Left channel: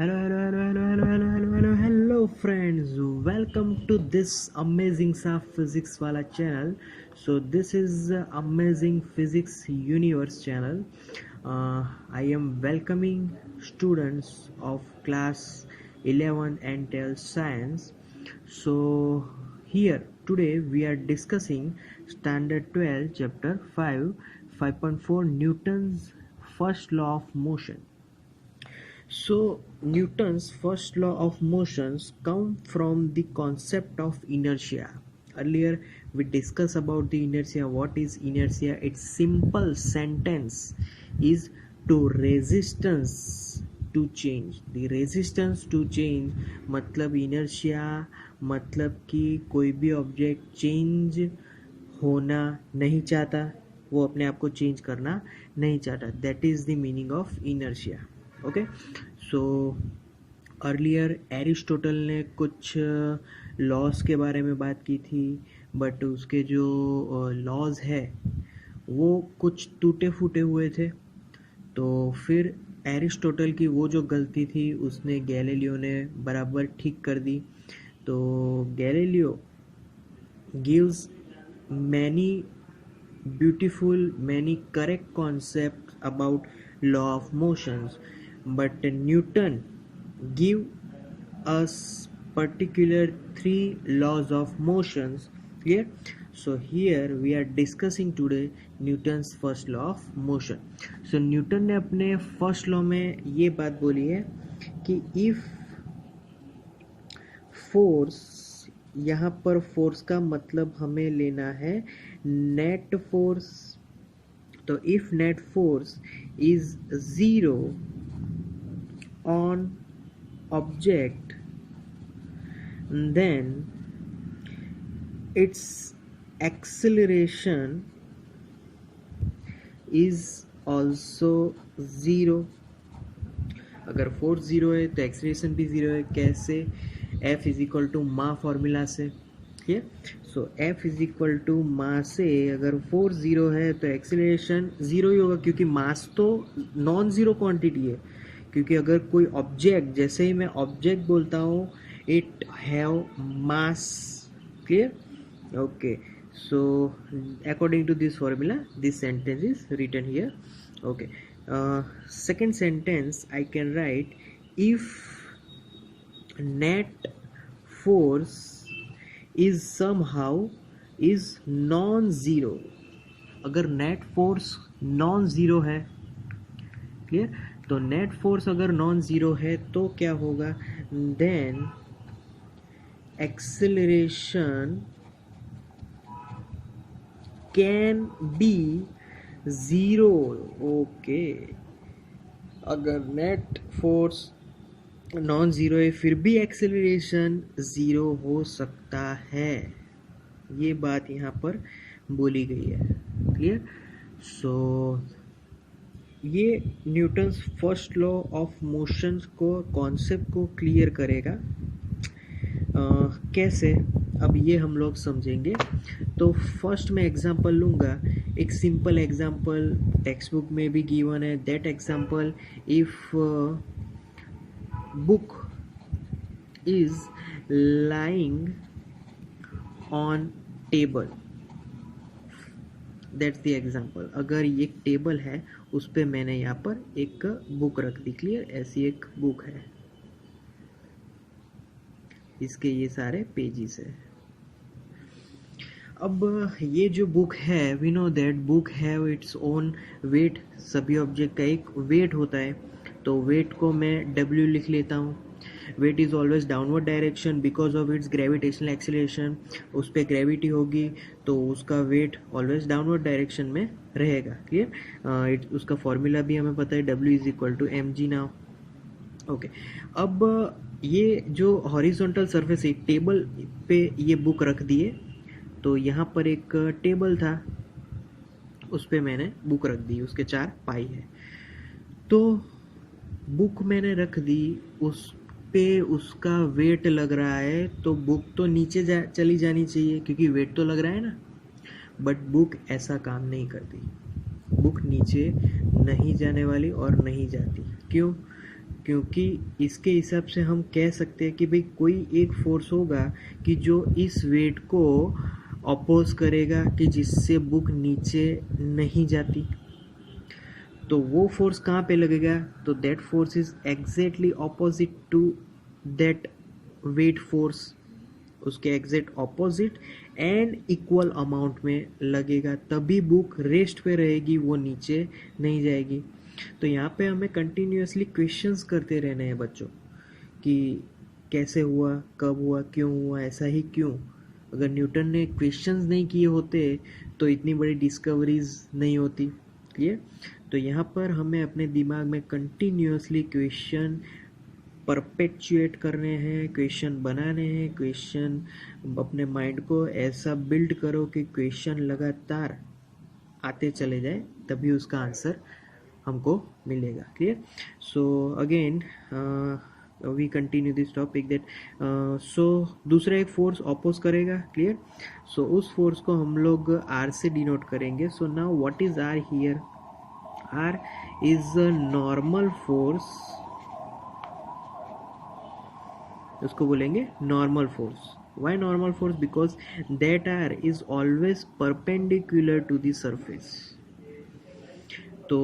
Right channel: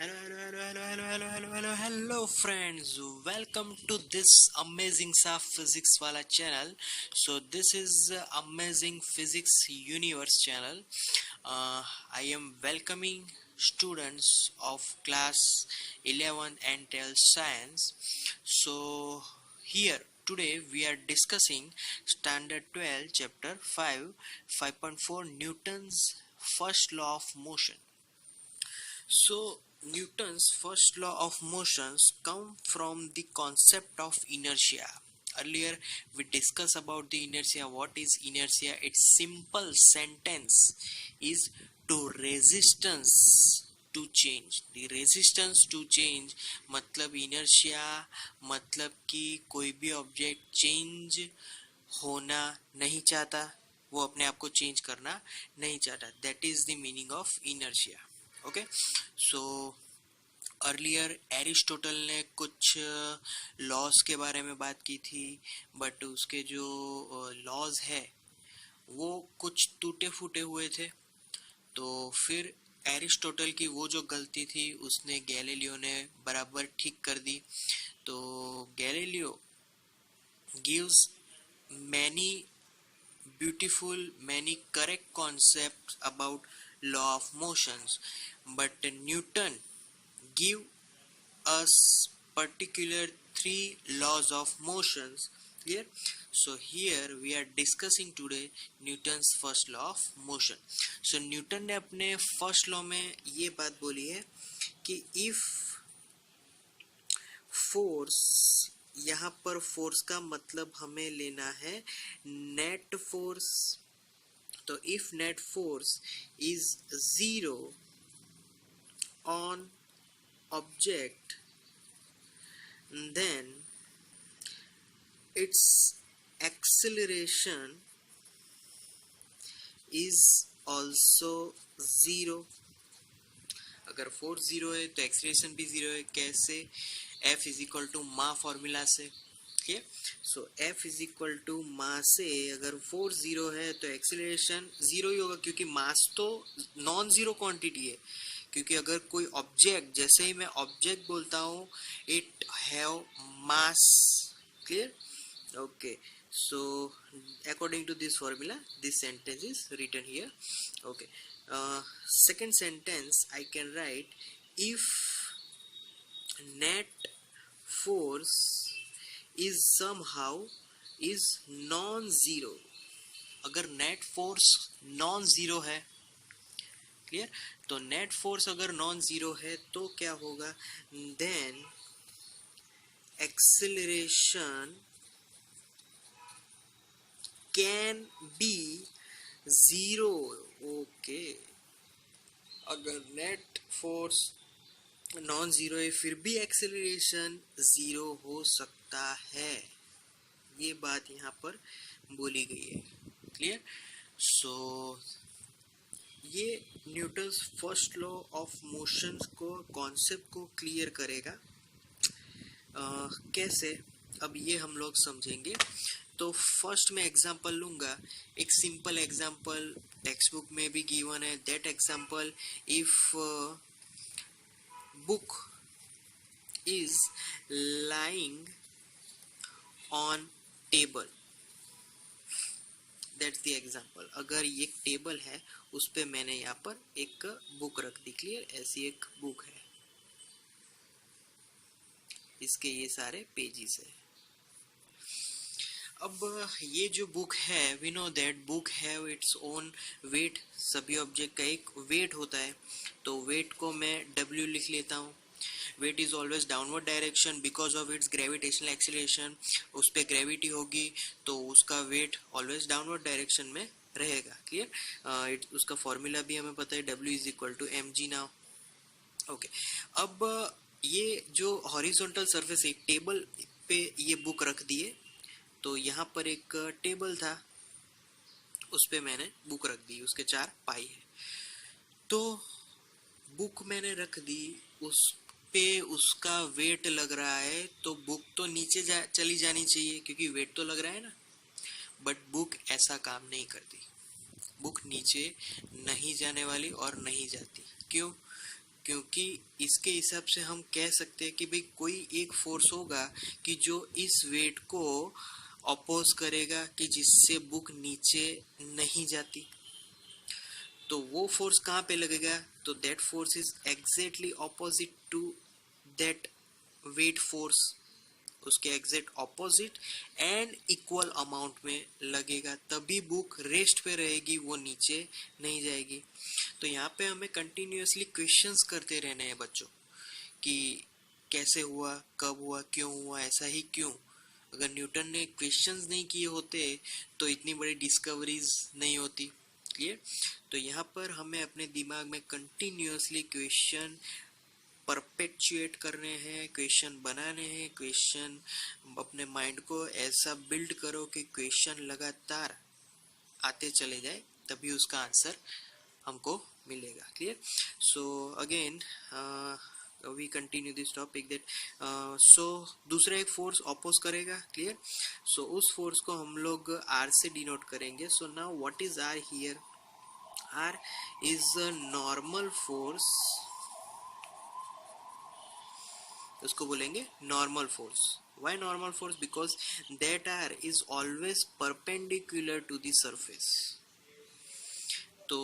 Hello friends, welcome to this amazing सा physics वाला channel. So this is amazing physics universe channel. I am welcoming students of class 11 and 12 science. So here today we are discussing standard 12 chapter 5.4 Newton's first law of motion. So Newton's first law of motions come from the concept of inertia. Earlier we discussed about the inertia. What is inertia? Its simple sentence is to resistance to change. The resistance to change मतलब inertia मतलब कि कोई भी object change होना नहीं चाहता, वो अपने आप को चेंज करना नहीं चाहता. That is the meaning of inertia. Okay, so earlier Aristotle ने कुछ लॉज के बारे में बात की थी, बट उसके जो लॉज है वो कुछ टूटे फूटे हुए थे. तो फिर एरिस्टोटल की वो जो गलती थी उसने गैलीलियो ने बराबर ठीक कर दी. तो Galileo gives many beautiful many correct concepts about law of motions, but Newton give us particular three laws of motions. Clear? So here we are discussing today Newton's first law of motion. So Newton ने अपने first law में ये बात बोली है कि if force, यहाँ पर फोर्स का मतलब हमें लेना है नेट फोर्स. तो if net force is zero on object then its acceleration is also zero. अगर फोर्स ज़ीरो है तो एक्सेलरेशन भी ज़ीरो है. कैसे? F इज इक्वल टू मा फॉर्मूला से. ठीक है, so F is equal to मा से अगर फोर्स ज़ीरो है तो एक्सेलरेशन ज़ीरो ही होगा, क्योंकि मास तो नॉन ज़ीरो क्वांटिटी है. क्योंकि अगर कोई ऑब्जेक्ट, जैसे ही मैं ऑब्जेक्ट बोलता हूँ, it have mass. Clear? Okay, so according to this formula this sentence is written here. Okay, second sentence I can write, if net force is somehow is non-zero. अगर net force non zero है, clear, तो net force अगर non zero है तो क्या होगा? Then acceleration can be zero. Okay, अगर net force non zero है फिर भी एक्सेलरेशन ज़ीरो हो सकता है. ये बात यहाँ पर बोली गई है. क्लियर? सो ये Newton's first law of motion को, कॉन्सेप्ट को क्लियर करेगा. कैसे, अब ये हम लोग समझेंगे. तो फर्स्ट मैं एग्जांपल लूँगा, एक सिंपल एग्जांपल टेक्स्ट बुक में भी गिवन है. That example, if book is lying on table. That's the example. अगर ये एक टेबल है, उस पर मैंने यहाँ पर एक बुक रख दी. क्लियर? ऐसी एक बुक है, इसके ये सारे पेजेस है. अब ये जो बुक है, we know that book have its own weight. सभी ऑब्जेक्ट का एक वेट होता है, तो वेट को मैं W लिख लेता हूँ. Weight is always downward direction because of its gravitational acceleration. उस पर ग्रेविटी होगी तो उसका वेट ऑलवेज डाउनवर्ड डायरेक्शन में रहेगा. क्लियर? उसका फॉर्मूला भी हमें पता है, W is equal to mg now. Okay, अब ये जो हॉरिजॉन्टल सरफेस है, टेबल पे ये बुक रख दिए. तो यहाँ पर एक टेबल था, उस पर मैंने बुक रख दी, उसके 4 पाई है. तो बुक मैंने रख दी, उस पे उसका वेट लग रहा है, तो बुक तो नीचे चली जानी चाहिए क्योंकि वेट तो लग रहा है ना. बट बुक ऐसा काम नहीं करती. बुक नीचे नहीं जाने वाली और नहीं जाती. क्यों? क्योंकि इसके हिसाब से हम कह सकते हैं कि भाई कोई एक फोर्स होगा कि जो इस वेट को अपोज करेगा कि जिससे बुक नीचे नहीं जाती। तो वो फोर्स कहाँ पे लगेगा? तो that force is exactly opposite to that weight force, उसके exact opposite and equal amount में लगेगा, तभी बुक रेस्ट पे रहेगी, वो नीचे नहीं जाएगी। तो यहाँ पे हमें कंटिन्यूअसली क्वेश्चंस करते रहने हैं बच्चों कि कैसे हुआ, कब हुआ, क्यों हुआ, ऐसा ही क्यों। अगर न्यूटन ने क्वेश्चंस नहीं किए होते तो इतनी बड़ी डिस्कवरीज नहीं होती। क्लियर? तो यहाँ पर हमें अपने दिमाग में कंटिन्यूअसली क्वेश्चन परपेचुएट करने हैं, क्वेश्चन बनाने हैं, क्वेश्चन अपने माइंड को ऐसा बिल्ड करो कि क्वेश्चन लगातार आते चले जाए, तभी उसका आंसर हमको मिलेगा। Clear? So again we continue this topic that so दूसरा एक फोर्स अपोज करेगा। क्लियर? सो उस फोर्स को हम लोग आर से डिनोट करेंगे। So now what is R here? R is a normal force, उसको बोलेंगे normal force. Why normal force? Because that R is always perpendicular to the surface. तो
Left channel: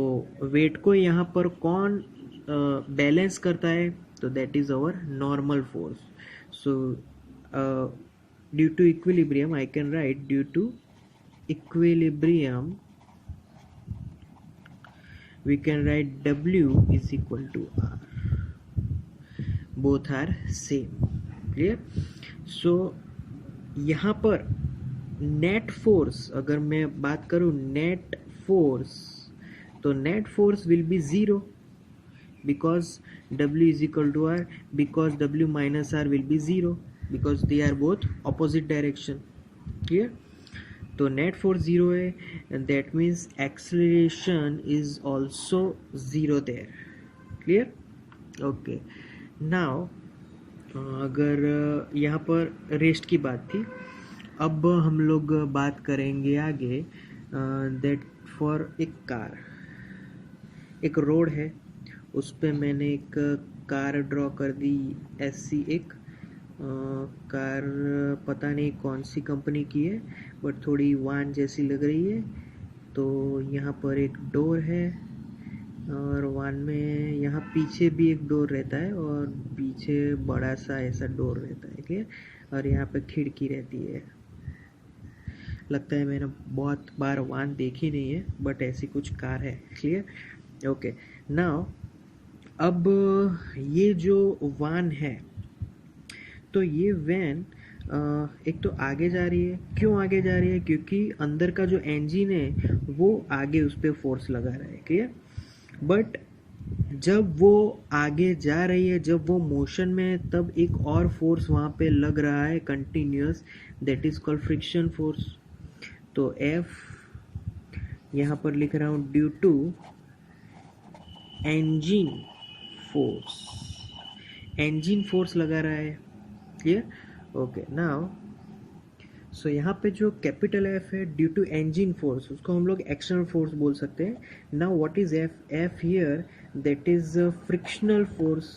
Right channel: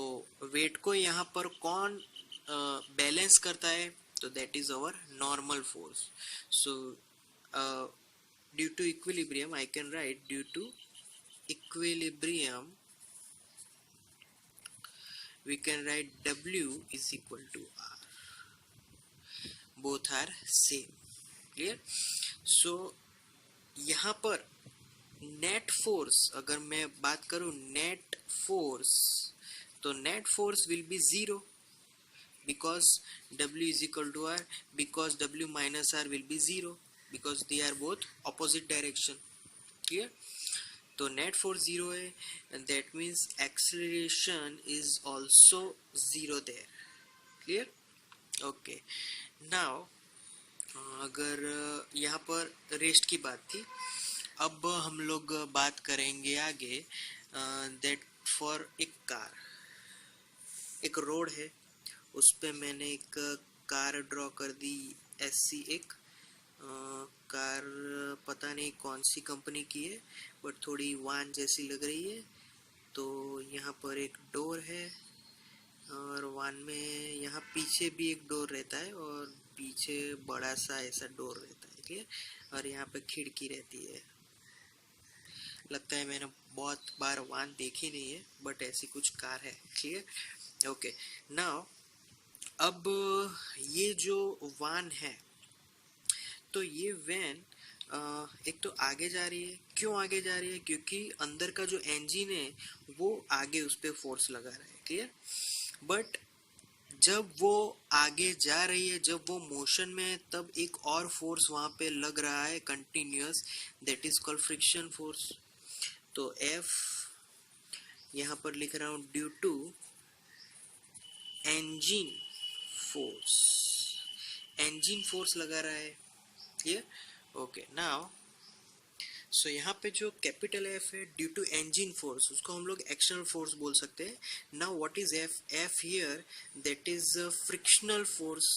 वेट को यहाँ पर कौन बैलेंस करता है? तो that is our normal force. So due to equilibrium I can write due to equilibrium we can write W is equal to R. Both are same. Clear? So यहाँ पर नेट फोर्स, अगर मैं बात करूँ net force, तो net force will be zero because W is equal to R, because W minus R will be zero because they are both opposite direction. Clear? तो net force zero है, that means acceleration is also zero there. Clear? Okay, now अगर यहाँ पर rest की बात थी, अब हम लोग बात करेंगे आगे दैट फॉर एक कार, एक रोड है, उस पर मैंने एक कार ड्रॉ कर दी ऐसी एक कार, पता नहीं कौन सी कंपनी की है बट थोड़ी वान जैसी लग रही है। तो यहाँ पर एक डोर है और वान में यहाँ पीछे भी एक डोर रहता है और पीछे बड़ा सा ऐसा डोर रहता है। क्लियर? और यहाँ पे खिड़की रहती है। लगता है मैंने बहुत बार वान देखी नहीं है बट ऐसी कुछ कार है। क्लियर? ओके, नाउ अब ये जो वान है, तो ये वैन एक तो आगे जा रही है। क्यों आगे जा रही है? क्योंकि अंदर का जो इंजन है वो आगे उस पर फोर्स लगा रहा है। क्लियर? बट जब वो आगे जा रही है, जब वो मोशन में है, तब एक और फोर्स वहाँ पे लग रहा है continuous, that is called friction force. तो F यहाँ पर लिख रहा हूँ due to engine force, engine force लगा रहा है। क्लियर? ओके, नाउ सो यहाँ पे जो कैपिटल F है ड्यू टू इंजन फोर्स, उसको हम लोग एक्सटर्नल फोर्स बोल सकते हैं। Now what is F? F here that is frictional force.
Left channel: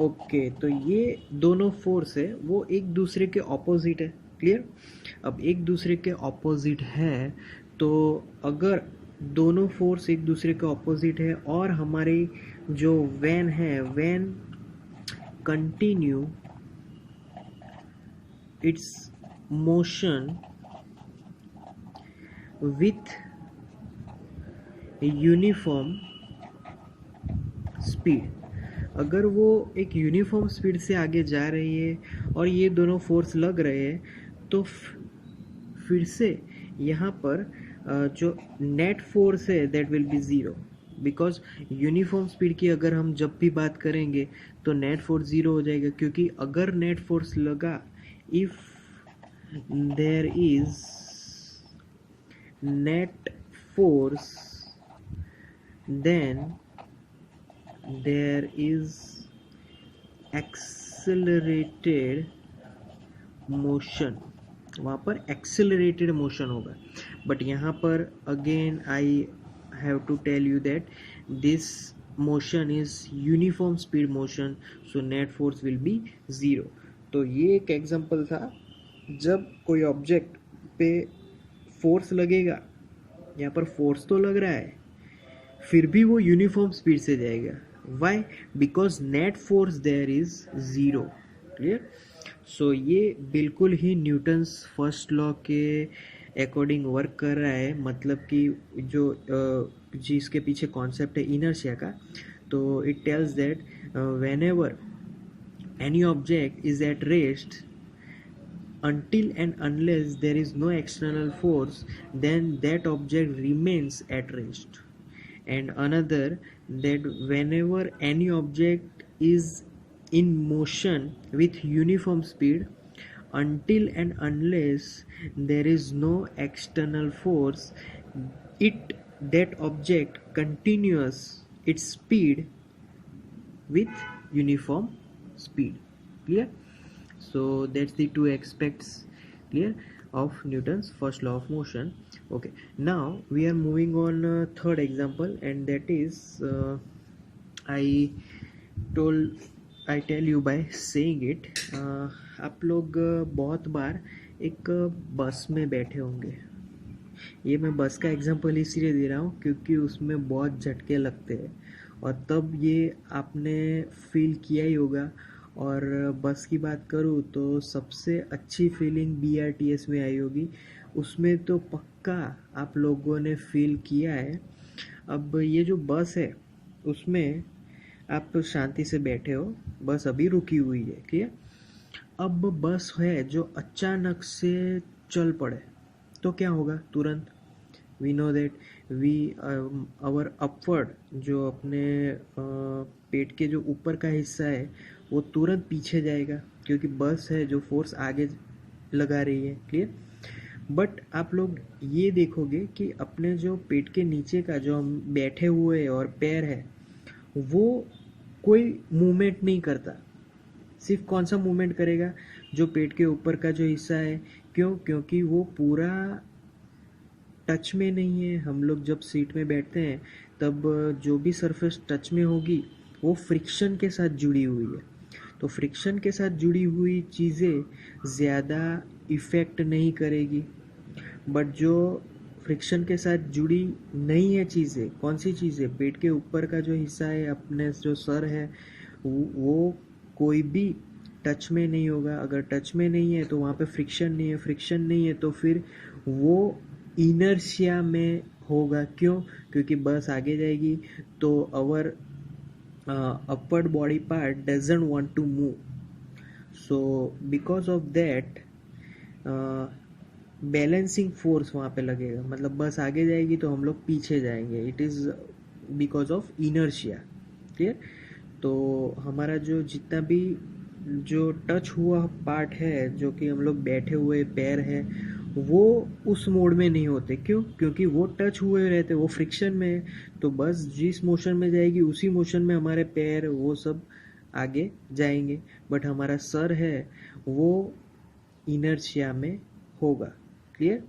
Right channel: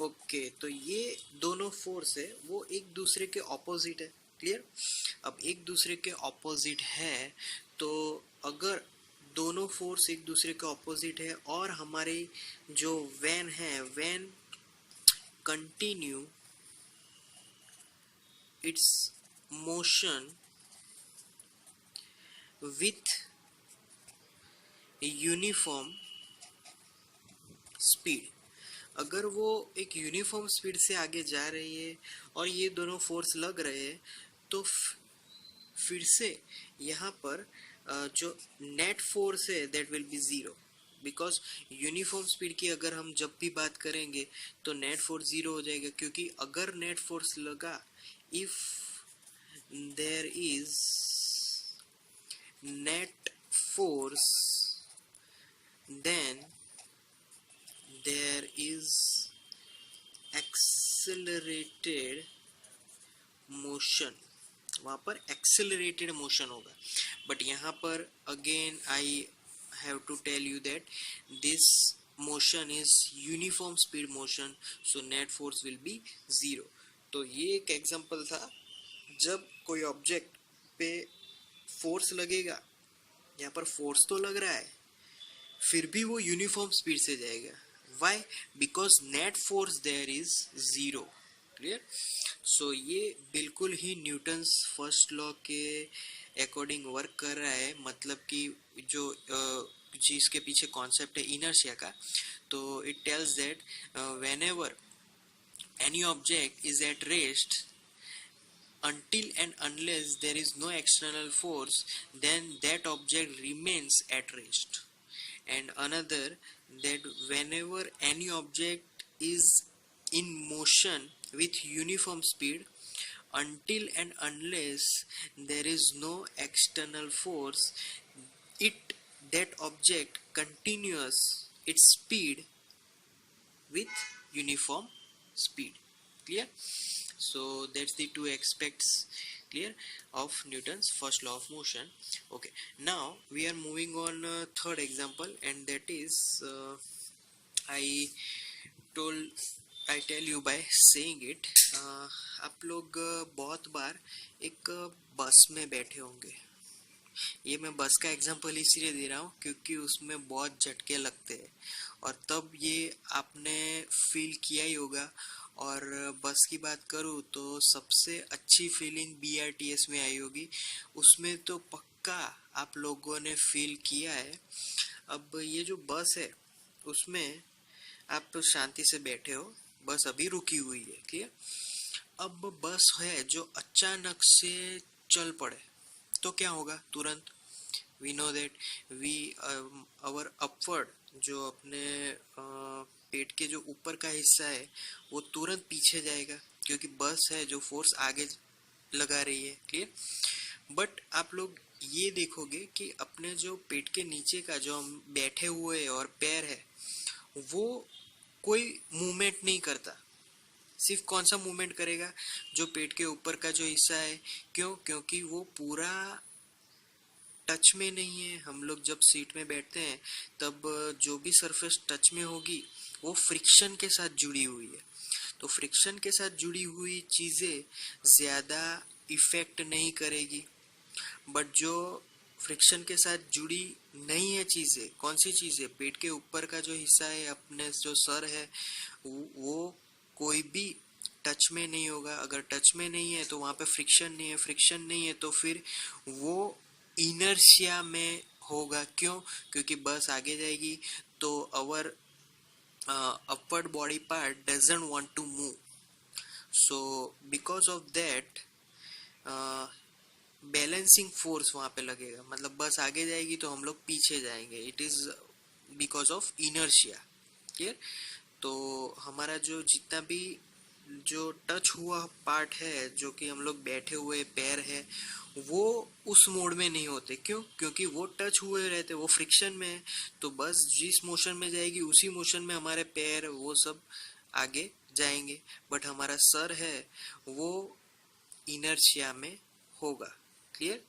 Okay, तो ये दोनों फोर्स है वो एक दूसरे के ऑपोजिट है। क्लियर? अब एक दूसरे के ऑपोजिट है, तो अगर दोनों फोर्स एक दूसरे के ऑपोजिट है और हमारी जो वैन है, van continue its motion with uniform speed, अगर वो एक यूनिफॉर्म स्पीड से आगे जा रही है और ये दोनों फोर्स लग रहे हैं, तो फिर से यहाँ पर जो नेट फोर्स है that will be zero, because uniform speed की अगर हम जब भी बात करेंगे तो नेट फोर्स ज़ीरो हो जाएगा। क्योंकि अगर नेट फोर्स लगा, if there is net force, then there is accelerated motion, वहाँ पर एक्सेलरेटेड मोशन होगा। बट यहाँ पर again I have to tell you that this motion is uniform speed motion, so net force will be 0. तो ये एक example था, जब कोई ऑब्जेक्ट पे फोर्स लगेगा, यहाँ पर फोर्स तो लग रहा है, फिर भी वो यूनिफॉर्म स्पीड से जाएगा. Why? Because net force there is 0. Clear? So ये बिल्कुल ही न्यूटन्स फर्स्ट लॉ के अकॉर्डिंग वर्क कर रहा है. मतलब कि जो जिसके पीछे कॉन्सेप्ट है इनर्शिया का, तो it tells that when ever any object is at rest, until and unless there is no external force, then that object remains at rest. And another, that whenever any object is in motion with uniform speed, until and unless there is no external force, it that object continues its speed with uniform speed. Clear? So that's the two aspects, clear, of Newton's first law of motion. Okay, now we are moving on third example, and that is I told I tell you by saying it. आप लोग बहुत बार एक बस में बैठे होंगे. ये मैं बस का एग्जांपल इसलिए दे रहा हूँ क्योंकि उसमें बहुत झटके लगते हैं, और तब ये आपने फील किया ही होगा. और बस की बात करूँ तो सबसे अच्छी फीलिंग BRTS में आई होगी, उसमें तो पक्का आप लोगों ने फील किया है. अब ये जो बस है उसमें आप शांति से बैठे हो, बस अभी रुकी हुई है. ठीक है? अब बस है जो अचानक से चल पड़े तो क्या होगा? तुरंत we know that we our upward, जो अपने पेट के जो ऊपर का हिस्सा है वो तुरंत पीछे जाएगा, क्योंकि बस है जो फोर्स आगे लगा रही है. क्लियर? बट आप लोग ये देखोगे कि अपने जो पेट के नीचे का जो हम बैठे हुए और पैर है वो कोई मूवमेंट नहीं करता. सिर्फ कौन सा मूवमेंट करेगा? जो पेट के ऊपर का जो हिस्सा है. क्यों? क्योंकि वो पूरा टच में नहीं है. हम लोग जब सीट में बैठते हैं तब जो भी सरफेस टच में होगी वो फ्रिक्शन के साथ जुड़ी हुई है. तो फ्रिक्शन के साथ जुड़ी हुई चीज़ें ज़्यादा इफ़ेक्ट नहीं करेगी. बट जो फ्रिक्शन के साथ जुड़ी नहीं है चीज़ें, कौन सी चीज़ें? पेट के ऊपर का जो हिस्सा है, अपने जो सर है, वो कोई भी टच में नहीं होगा. अगर टच में नहीं है तो वहाँ पे फ्रिक्शन नहीं है. फ्रिक्शन नहीं है तो फिर वो इनर्शिया में होगा. क्यों? क्योंकि बस आगे जाएगी तो अवर upward body part doesn't want to move. So because of that balancing force वहाँ पे लगेगा. मतलब बस आगे जाएगी तो हम लोग पीछे जाएंगे. It is because of inertia. Clear? तो हमारा जो जितना भी जो टच हुआ पार्ट है, जो कि हम लोग बैठे हुए पैर है, वो उस मोड में नहीं होते. क्यों? क्योंकि वो टच हुए रहते, वो फ्रिक्शन में है. तो बस जिस मोशन में जाएगी उसी मोशन में हमारे पैर वो सब आगे जाएंगे. बट हमारा सर है वो इनर्शिया में होगा. क्लियर?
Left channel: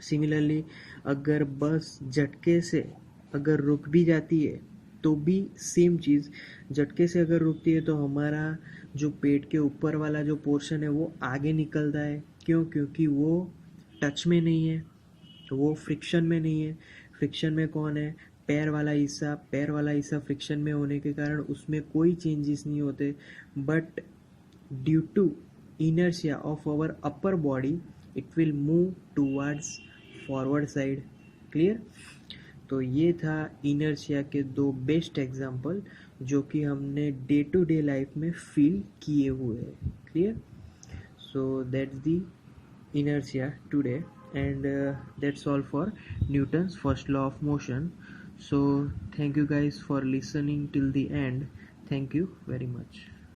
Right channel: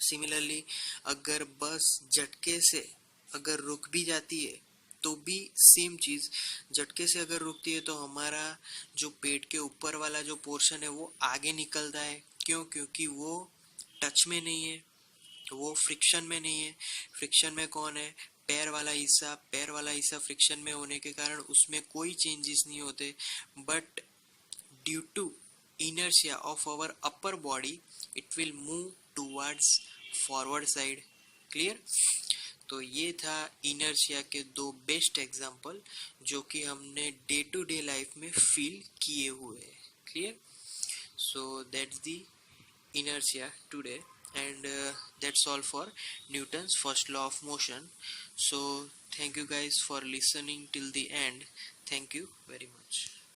सिमिलरली अगर बस झटके से अगर रुक भी जाती है तो भी सेम चीज़. झटके से अगर रुकती है तो हमारा जो पेट के ऊपर वाला जो पोर्शन है वो आगे निकलता है. क्यों? क्योंकि वो टच में नहीं है, वो फ्रिक्शन में नहीं है. फ्रिक्शन में कौन है? पैर वाला हिस्सा. पैर वाला हिस्सा फ्रिक्शन में होने के कारण उसमें कोई चेंजेस नहीं होते. But due to inertia of our upper body it will move towards forward side. Clear? तो ये था इनर्शिया के दो बेस्ट एग्जांपल जो कि हमने डे टू डे लाइफ में फील किए हुए हैं. Clear? So that's the inertia today, and that's all for Newton's first law of motion. So thank you guys for listening till the end. Thank you very much.